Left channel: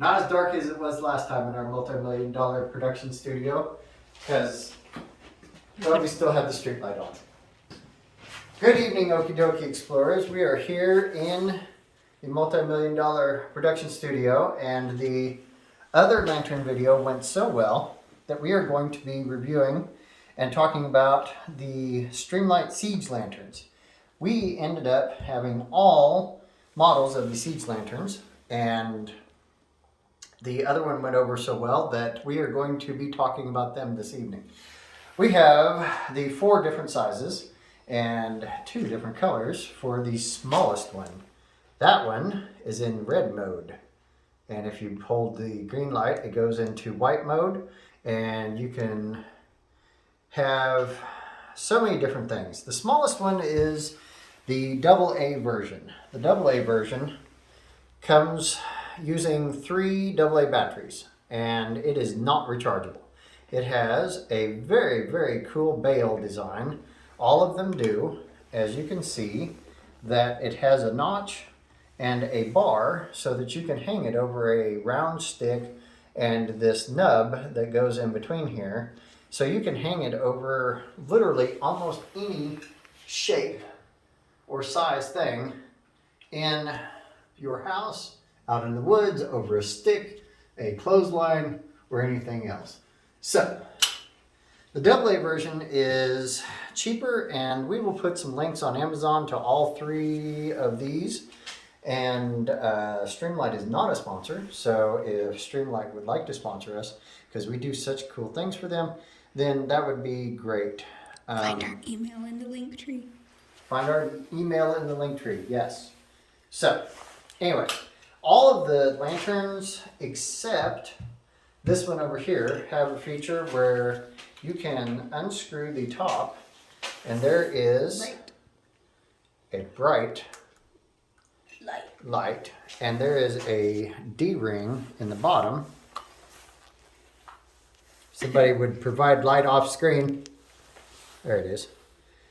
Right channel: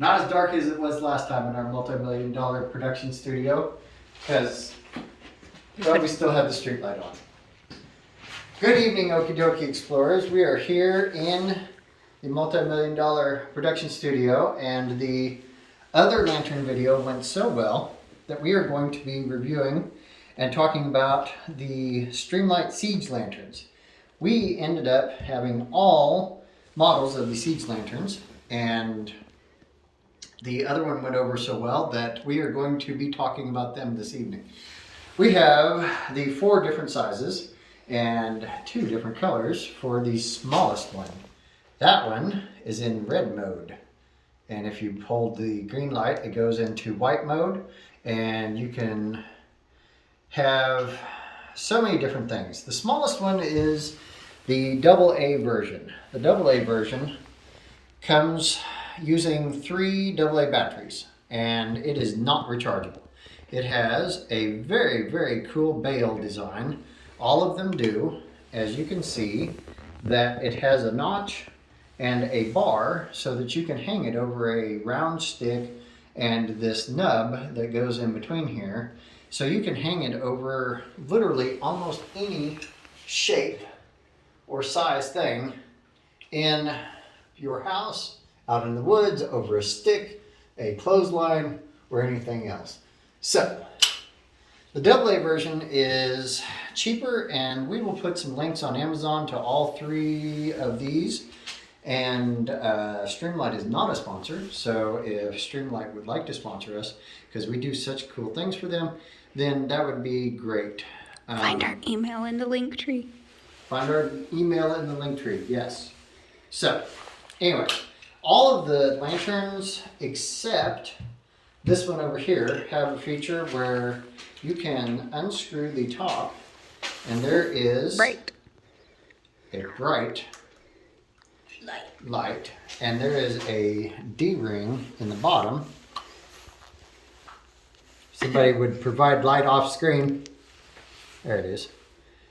Not as dark as it was last time in our multi-million-dollar production studio, because we still have the street light on. Good evening, Okie Dokie Explorers. We are here in the multi-million-dollar production studio, and the other lantern video went so well that we are going to be reviewing and talking about the StreamLight siege lanterns. We ended up having all models of the siege lanterns, and the other one went over so well that we are going to be talking about them this evening. We have the 4 different sizes and 2 different colors for the smallest one. That one is in red mode. And if you hold the green light, it goes into white mode, and you can have so many different things. The smallest one is the AA version. The AA version comes using 3 AA batteries, and it is not rechargeable. It has a very, very cool bail design. All of them do. As you can see, that it has a notch and a bar so that you can hang it over a round stick and this nub that goes in between here. So you can hang it over literally almost any shape or size thing in your house, out in the woods, over a stick, a clothesline, or anything else. So, the AA version is cheaper, and we will put some links on Amazon to all 3 of these. And StreamLight is not a sponsor, so if StreamLight would like to sponsor us, because we do such cool things for them, then that would be great. Find our email in the link tree. Find our email in the link tree, yes. So, anyway, all of the lanterns except this one over here have a feature where you can unscrew the top, and there is a bright light, and there is a D-ring in the bottom. Somebody would provide light off screen. There it is.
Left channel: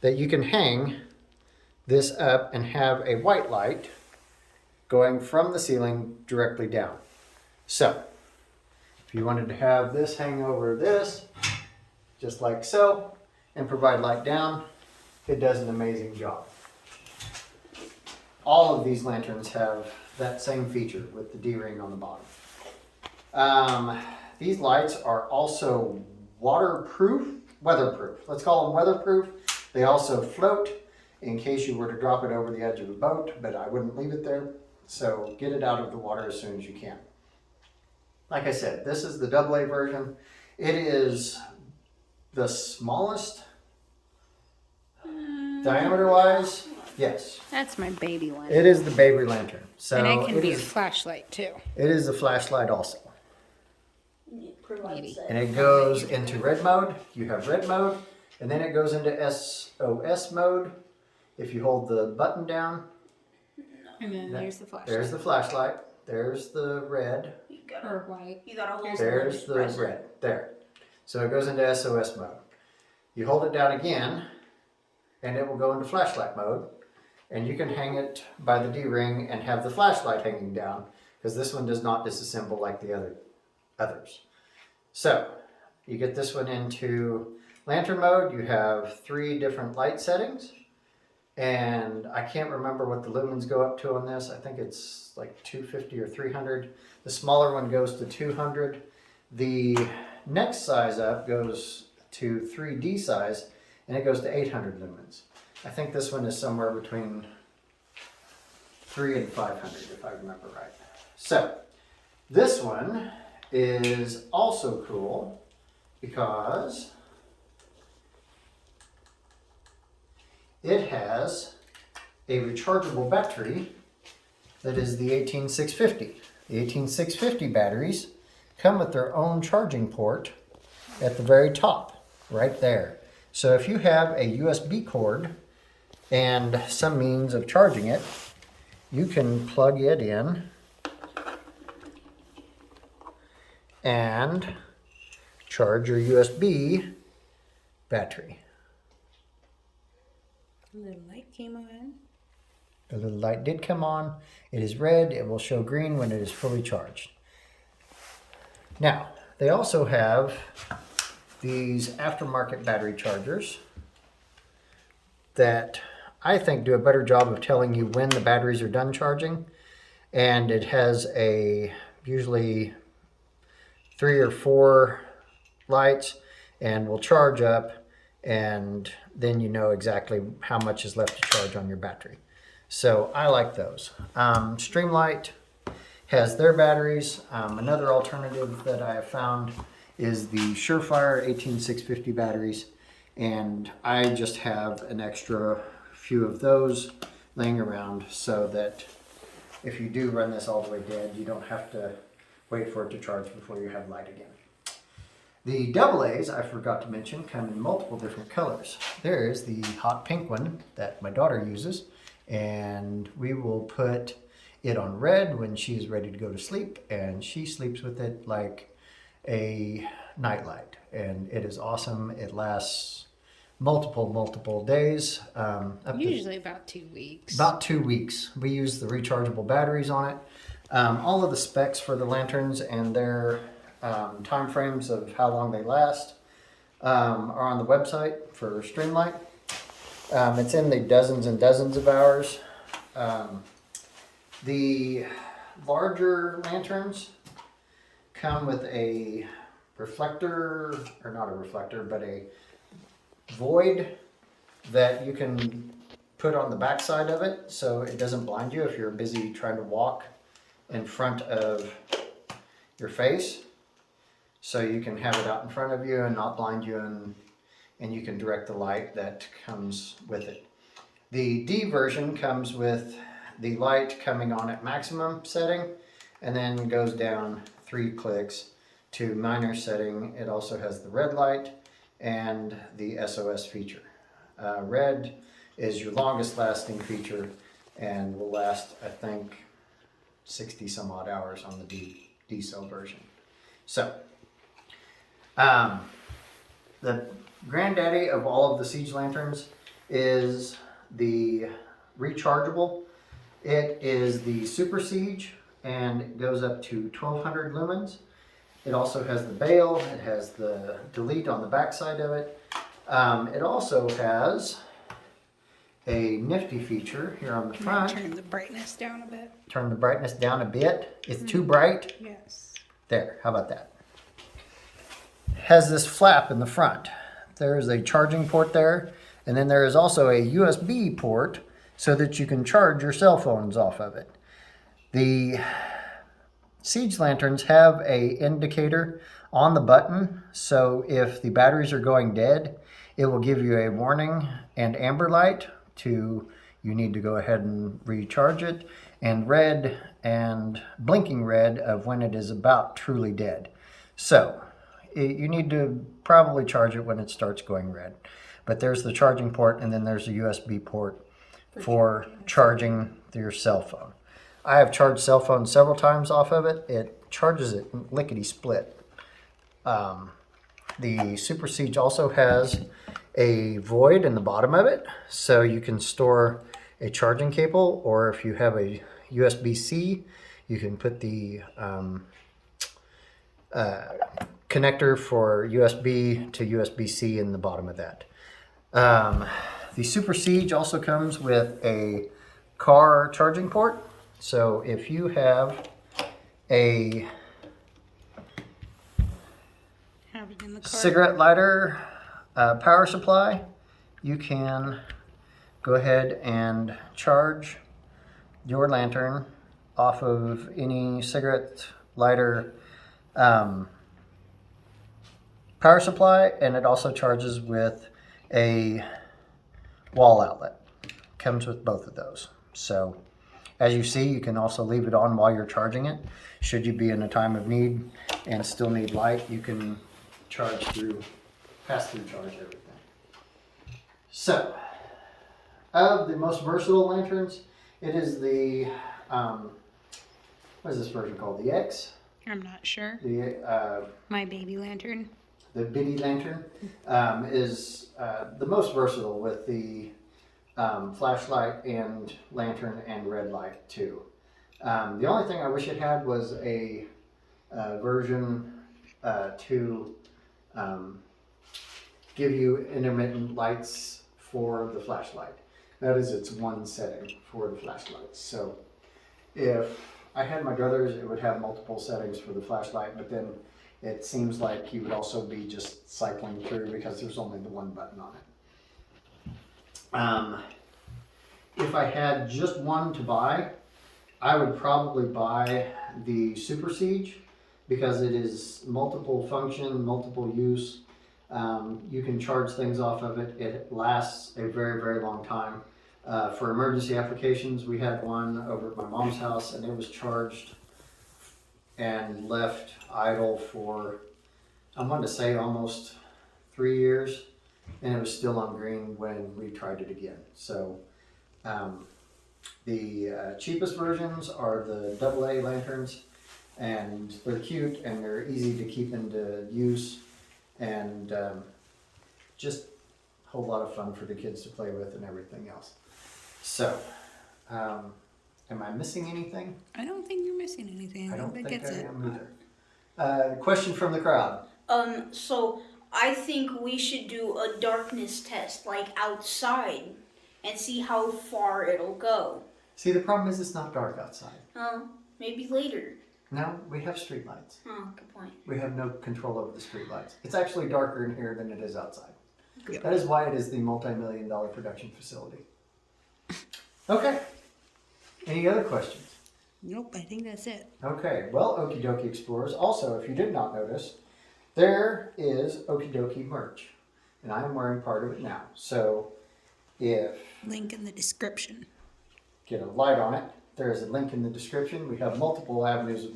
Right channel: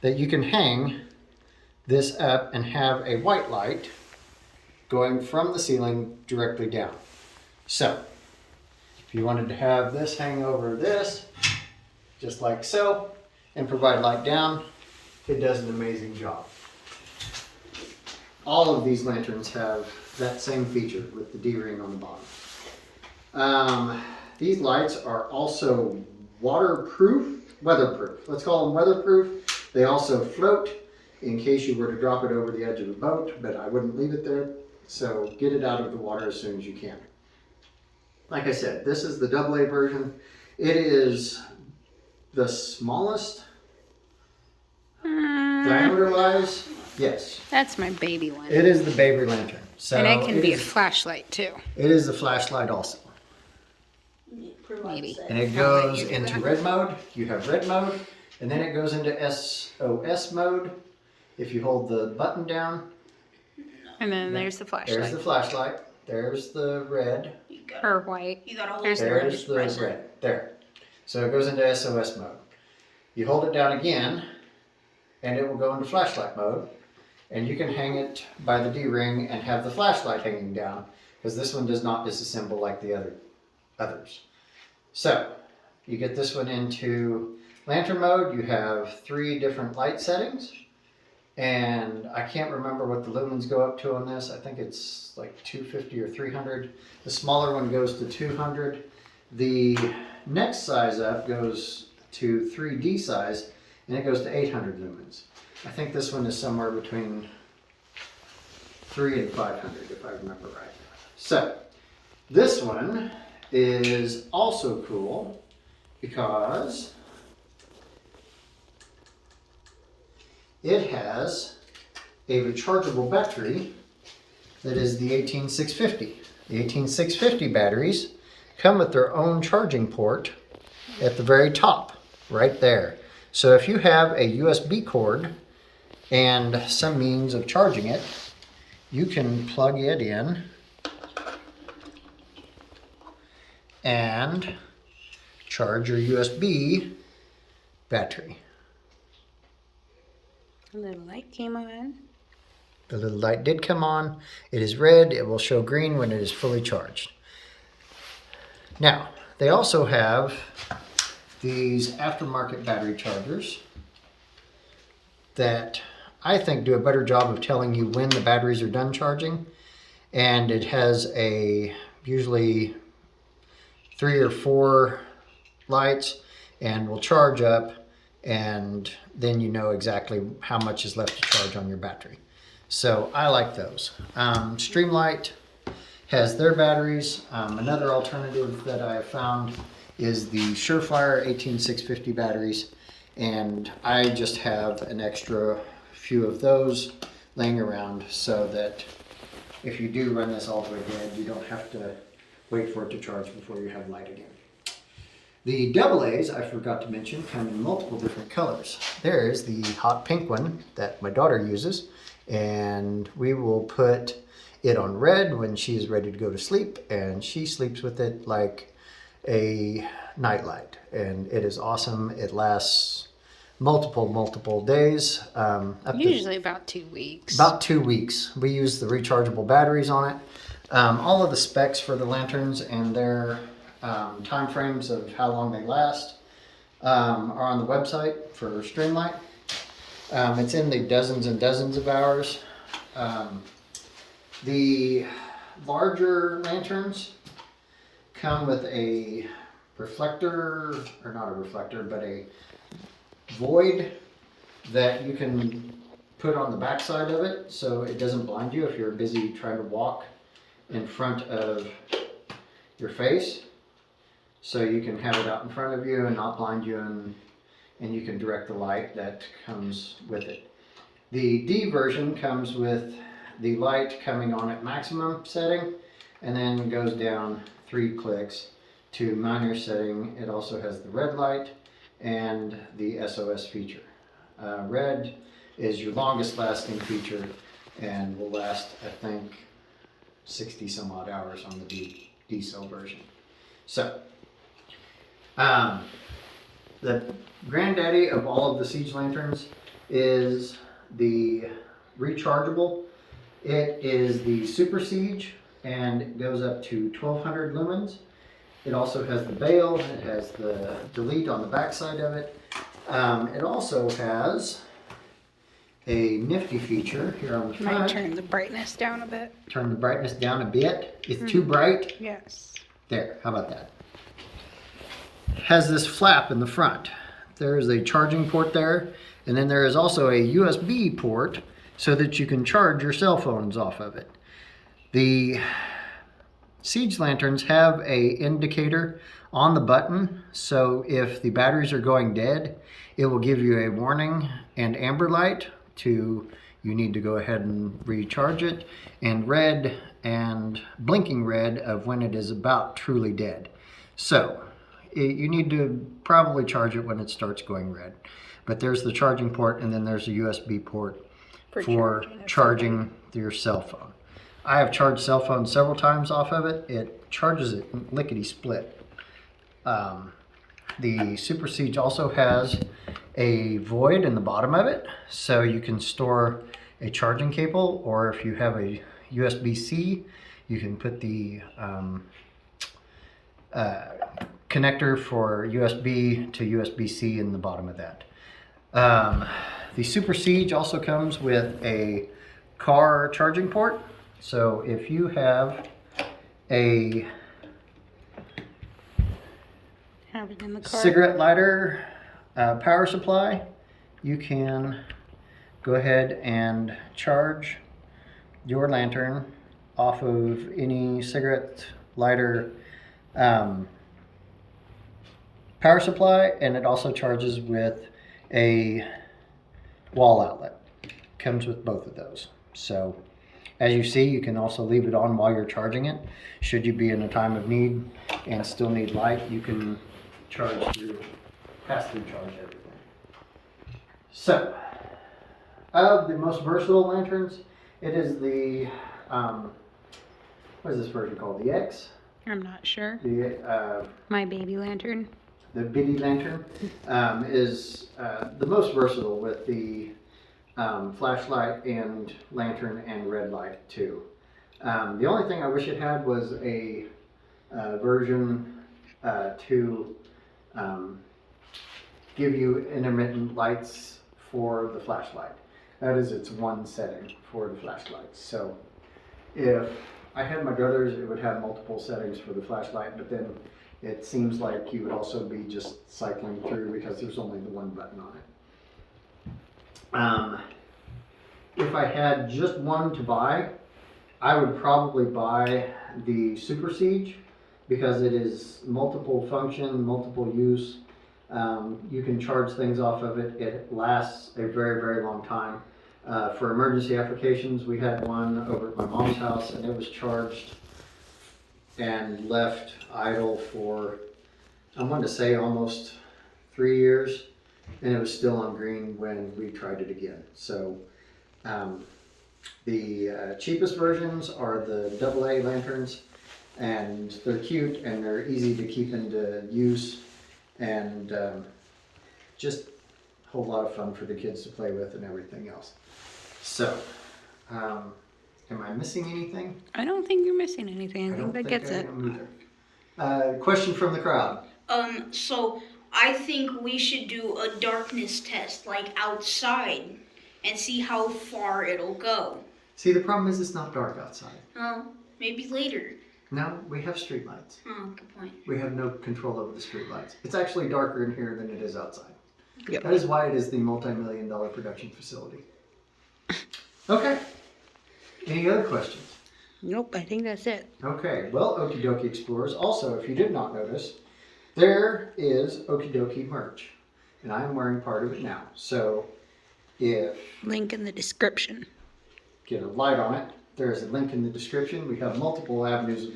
That you can hang this up and have a white light going from the ceiling directly down. So, if you wanted to have this hang over this, just like so, and provide light down, it does an amazing job. All of these lanterns have that same feature with the D-ring on the bottom. These lights are also weatherproof. Let's call them weatherproof. They also float in case you were to drop it over the edge of a boat, but I wouldn't leave it there. So get it out of the water as soon as you can. Like I said, this is the AA version. It is the smallest diameter-wise. Yes. That's my baby one. It is the baby lantern. So and it can be a flashlight too. It is a flashlight also. Maybe. And it goes into red mode. You have red mode, and then it goes into SOS mode. If you hold the button down. And then there's the flashlight. There's the flashlight. There's the red. Or white. There's the red. There. So it goes into SOS mode. You hold it down again, and it will go into flashlight mode. And you can hang it by the D-ring and have the flashlight hanging down, because this one does not disassemble like the others. So, you get this one into lantern mode. You have 3 different light settings. And I can't remember what the lumens go up to on this. I think it's like 250 or 300. The smaller one goes to 200. The next size up goes to 3D size, and it goes to 800 lumens. I think this one is somewhere between 300 and 500, if I remember right. So, this one is also cool because it has a rechargeable battery that is the 18650. The 18650 batteries come with their own charging port at the very top, right there. So if you have a USB cord and some means of charging it, you can plug it in and charge your USB battery. A little light came on. The little light did come on. It is red. It will show green when it is fully charged. Now, they also have these aftermarket battery chargers that I think do a better job of telling you when the batteries are done charging. And it has usually 3 or 4 lights and will charge up, and then you know exactly how much is left to charge on your battery. So I like those. StreamLight has their batteries. Another alternative that I have found is the Surefire 18650 batteries, and I just have an extra few of those laying around so that if you do run this all the way dead, you don't have to wait for it to charge before you have light again. The AA's, I forgot to mention, come in multiple different colors. There's the hot pink one that my daughter uses, and we will put it on red when she is ready to go to sleep, and she sleeps with it like a nightlight, and it is awesome. It lasts multiple days. Usually about 2 weeks. About 2 weeks. We use the rechargeable batteries on it. All of the specs for the lanterns and their time frames of how long they last are on the website for StreamLight. It's in the dozens and dozens of hours. The larger lanterns come with a reflector, or not a reflector, but a void that you can put on the back side of it so it doesn't blind you if you're busy trying to walk in front of your face. So you can have it out in front of you and not blind you, and you can direct the light that comes with it. The D version comes with the light coming on at maximum setting and then goes down 3 clicks to minor setting. It also has the red light and the SOS feature. Red is your longest lasting feature and will last, I think, 60 some odd hours on the D cell version. So, the granddaddy of all of the siege lanterns is the rechargeable. It is the Super Siege, and it goes up to 1200 lumens. It also has the bail. It has the delete on the back side of it. It also has a nifty feature here on the front. Might turn the brightness down a bit. Turn the brightness down a bit. It's too bright. Yes. There, how about that? Has this flap in the front. There's a charging port there, and then there is also a USB port so that you can charge your cell phones off of it. The Siege lanterns have a indicator on the button, so if the batteries are going dead, it will give you a warning and amber light to you need to go ahead and recharge it, and red and blinking red of when it is about truly dead. So you need to probably charge it when it starts going red. But there's the charging port, and then there's a USB port for charging your cell phone. I have charged cell phones several times off of it. It charges it lickety split. The Super Siege also has a void in the bottom of it, so you can store a charging cable, or if you have a USB-C, you can put the connector for USB to USB-C in the bottom of that. The Super Siege also comes with a car charging port. So if you have a it in the car. Cigarette lighter power supply, you can go ahead and charge your lantern off of any cigarette lighter power supply, and it also charges with a wall outlet. Comes with both of those. So as you see, you can also leave it on while you're charging it. Should you be in a time of need and still need light, you can pass through charge everything. So, of the most versatile lanterns, it is the, what is this version called? The X? I'm not sure. The, My baby lantern. the Biddy lantern is the most versatile with the flashlight and lantern and red light too. The only thing I wish it had was a version to give you intermittent lights for the flashlight. That is its one setting for the flashlight. So if I had my druthers, it would have multiple settings for the flashlight, but then it seems like you would also be just cycling through because there's only the one button on it. If I had just one to buy, I would probably buy the Super Siege because it is multiple function, multiple use. You can charge things off of it. It lasts a very, very long time. For emergency applications, we had one over at my mom's house and it was charged and left idle for, I wanted to say almost 3 years, and it was still on green when we tried it again. So the cheapest versions are the AA lanterns, and they're cute and they're easy to keep into use, and just a whole lot of fun for the kids to play with and everything else. So, am I missing anything? I don't think you're missing anything. I think that gets it. Question from the crowd. So I think we should do a darkness test, like outside, and see how far it'll go. See, the problem is it's not dark outside. Oh, maybe later. No, we have street lights. Oh, good point. We have no control over the street lights. It's actually darker in here than it is outside. Yep. That is why it is the multi-million-dollar production facility. Okay. Any other questions? Nope, I think that's it. Okay, well, Okie Dokie Explorers, also, if you did not notice, there is Okie Dokie merch, and I am wearing part of it now. So, if Link in the description. get a light on it, there is a link in the description. We have multiple avenues of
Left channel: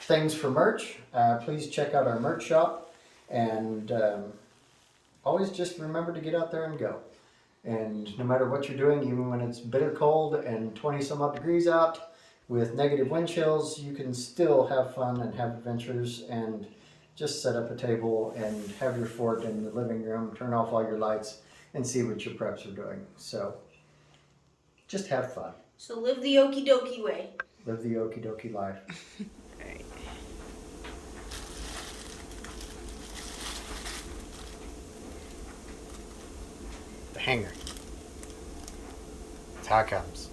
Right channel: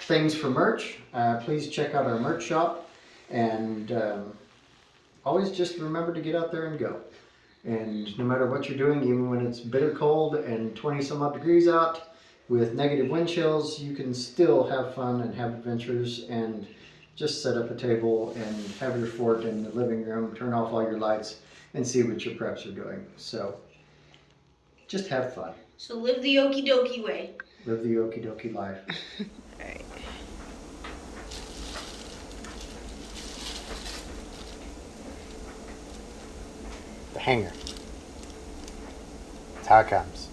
things for merch. Please check out our merch shop, and always just remember to get out there and go. And no matter what you're doing, even when it's bitter cold and 20 some odd degrees out with negative wind chills, you can still have fun and have adventures and just set up a table and have your fort in the living room, turn off all your lights, and see what your preps are doing. So just have fun. So live the okie dokie way. Live the Okie Dokie life. Alright. The hanger. That's how it comes.